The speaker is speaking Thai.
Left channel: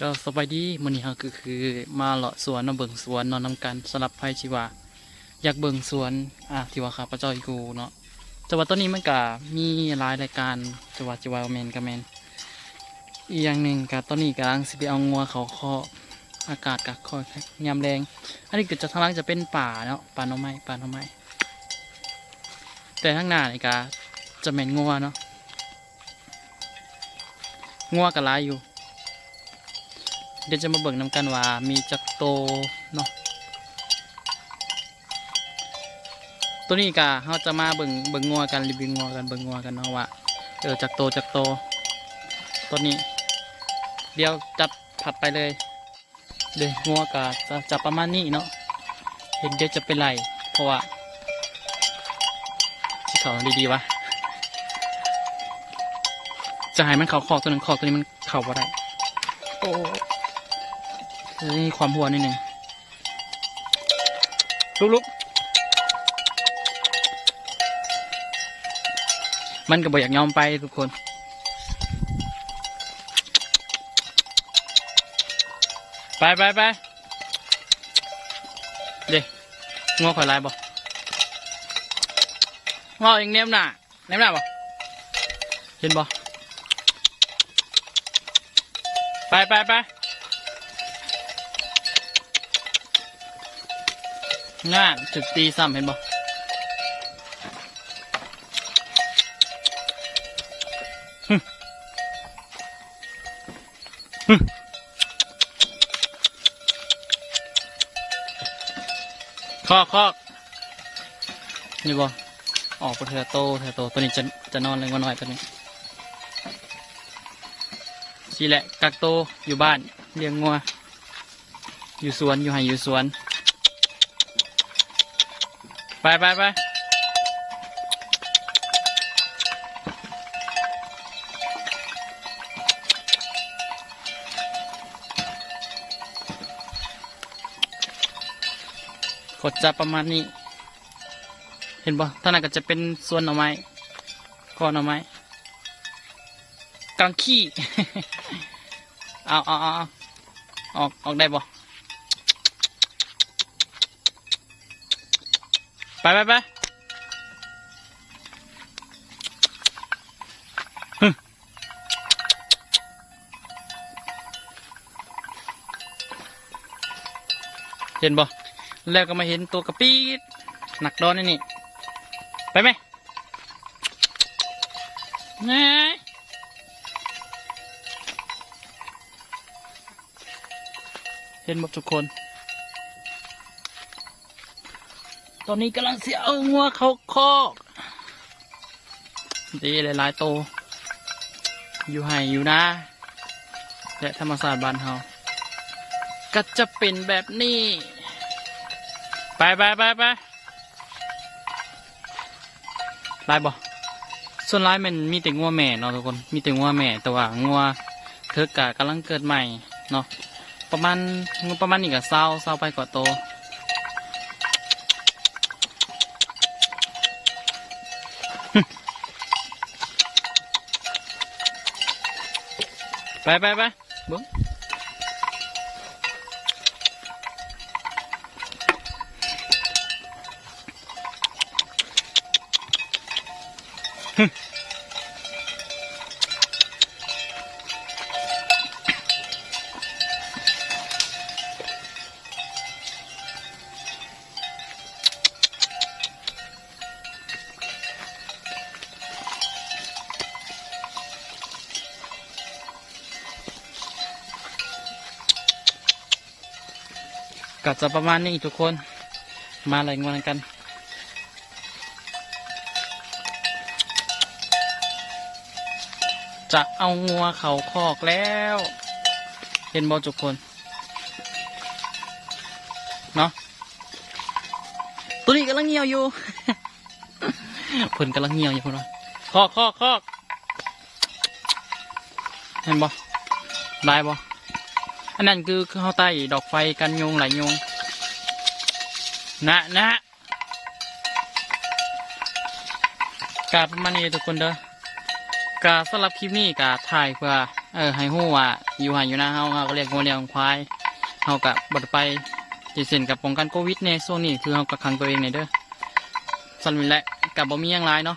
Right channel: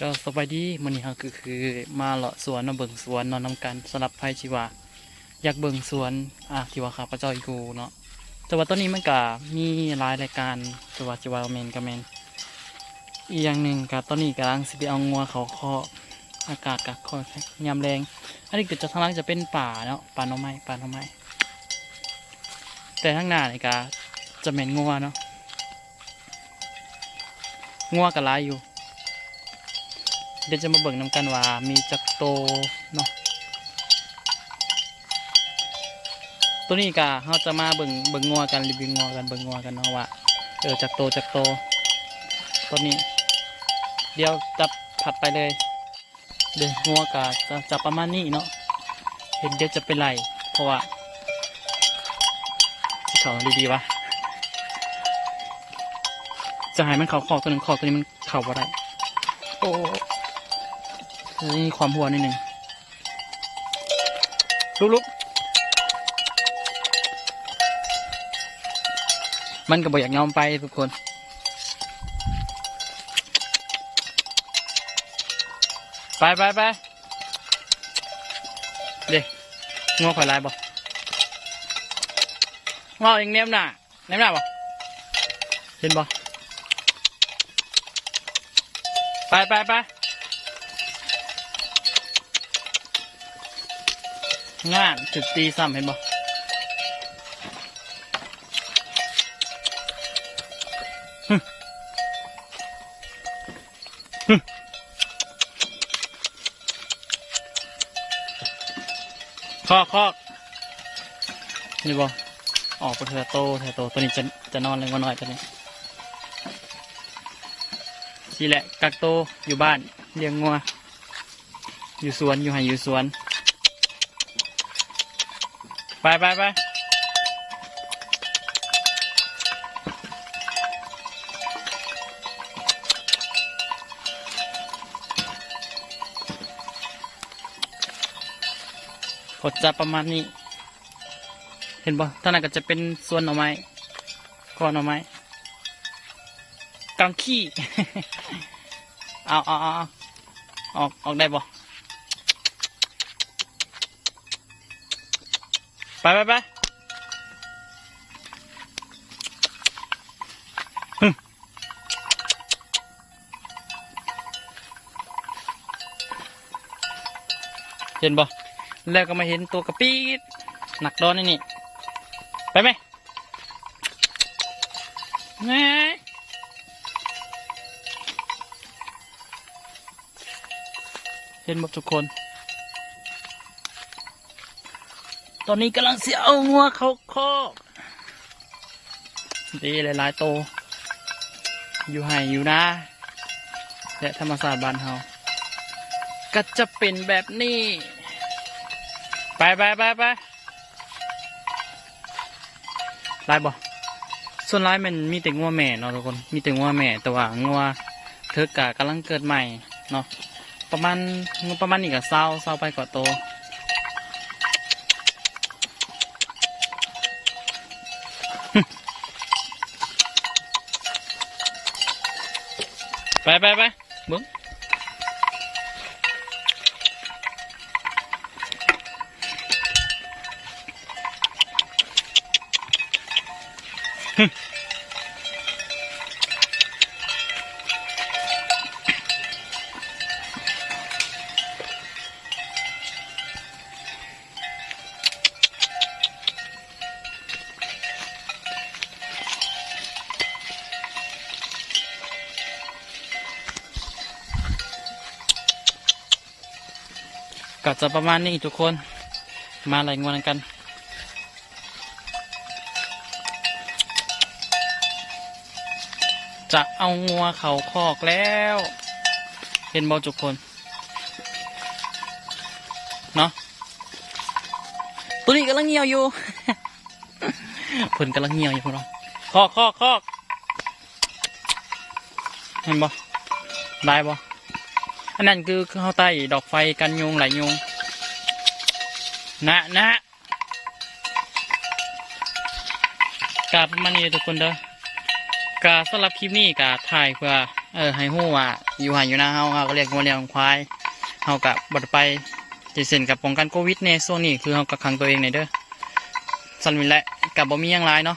เจ้าสบายดีมื้อนี้เฮาคือคือมาเลาะสวนเนาเบิ่งสวนนอนนำกันสำหรับไผชีว่าอยากเบิ่งสวนอะที่ว่าข้าพเจ้าอยู่เนาะแต่ว่าตอนนี้มันก็มีหลายรายการจะว่าจะว่าแมนก็แมนอีกอย่างหนึ่งก็ตอนนี้กำลังสิไปเอางัวเขาคอกอากาศก็คอยยามแรง อันนี้เก็จะทางล่างจะเป็นป่าเนาะป่าหน่อไม้ป่าหน่อไม้แต่ข้างหน้านี่ก็จะแมนงัวเนาะงัวก็หลายอยู่ เดี๋ยวจะมาเบิ่งนำกันว่ามีจักโตเนาะตัวนี้กะเราจะมาเบิ่งเบิ่งงัวกันรีวิวงัวกันเบิ่งงัวกันเนาะว่าเออจักโตจักโตตัวนี้ เดี๋ยวจับผัดไปเลย เดี๋ยวงัวกะจะจะประมาณนี้เนาะเห็นเดี๋ยวจะไปไล่เพราะว่าที่เขาดีๆวะจะให้มันเขาคอกตัวหนึ่งคอกตัวนี้มันเข่าบ่ได้โอ้ นี่ความหัวนิดหนึ่งลุกลุกมันก็บอกอยากยอมไปทุกคนไปไปไปเดี๋ยวงอข่อยลายบ่งอเองเนมหน่ะเนมหน่ะบ่เห็นบ่ไปไปไป งานจุดตีซ้ำเห็นบ่หึหึคอกคอกนี่บ่ออกไปเถอโตเถอโตตัวนี้จะจะนอนเลยว่าน้อยตัวนี้สิแหละกักโตอยู่บ้านเลี้ยงงัวอยู่สวนอยู่ไห้อยู่สวน ไปไปไปกดจับประมาณนี้ เห็นบ่ท่านั้นก็จะเป็นส่วนหน่อไม้ก้อนหน่อไม้กลางขี้ เอาเอาเอาเอาออกออกได้บ่ ไปไปไปฮึเห็นบ่แล้วก็มาเห็นตัวกระปีดหนักดอนนี่นี่ ไปไหมไงเห็นหมดทุกคน ตอนนี้กำลังเสียเอางัวเขาคอกดีหลายๆโต อยู่ไห่อยู่นะ และธรรมศาสตร์บ้านเฮาก็จะเป็นแบบนี้ ไปไปไปไปลายบ่ส่วนลายมันมีแต่งัวแม่เนาะทุกคน มีแต่งัวแม่แต่ว่างัวเธอกะกำลังเกิดใหม่เนาะประมาณประมาณนี้กับเศร้าเศร้าไปกว่าโต ไปไปไปเบิ้งฮึ ก็จะประมาณนี้ทุกคน มาอะไรายงานกัน จะเอางัวเขาคอกแล้ว เห็นบอทุกคน เนาะตัวนี้กำลังเหี่ยวอยู่เพิ่นกำลังเหี่ยวอยู่พวกเราคอกคอกคอกเห็นบ่ได้บ่อั อันนั้นคือเข้าใต้ดอกไฟกันยุงไหลยุงนะนะกาประมาณนี้เลยทุกคนเด้อกาสำหรับคลิปนี้กาถ่ายเพื่อเออให้ฮู้ว่าอยู่หาอยู่หน้าเฮาเฮาก็เรียกงัวเลี้ยงควายเฮาก็บ่ได้ไปจิเส้นกับป้องกันโควิดในช่วงนี้คือเฮาก็ขังตัวเองในเด้อสันวินแหละกับบ่มียังหลายเนาะ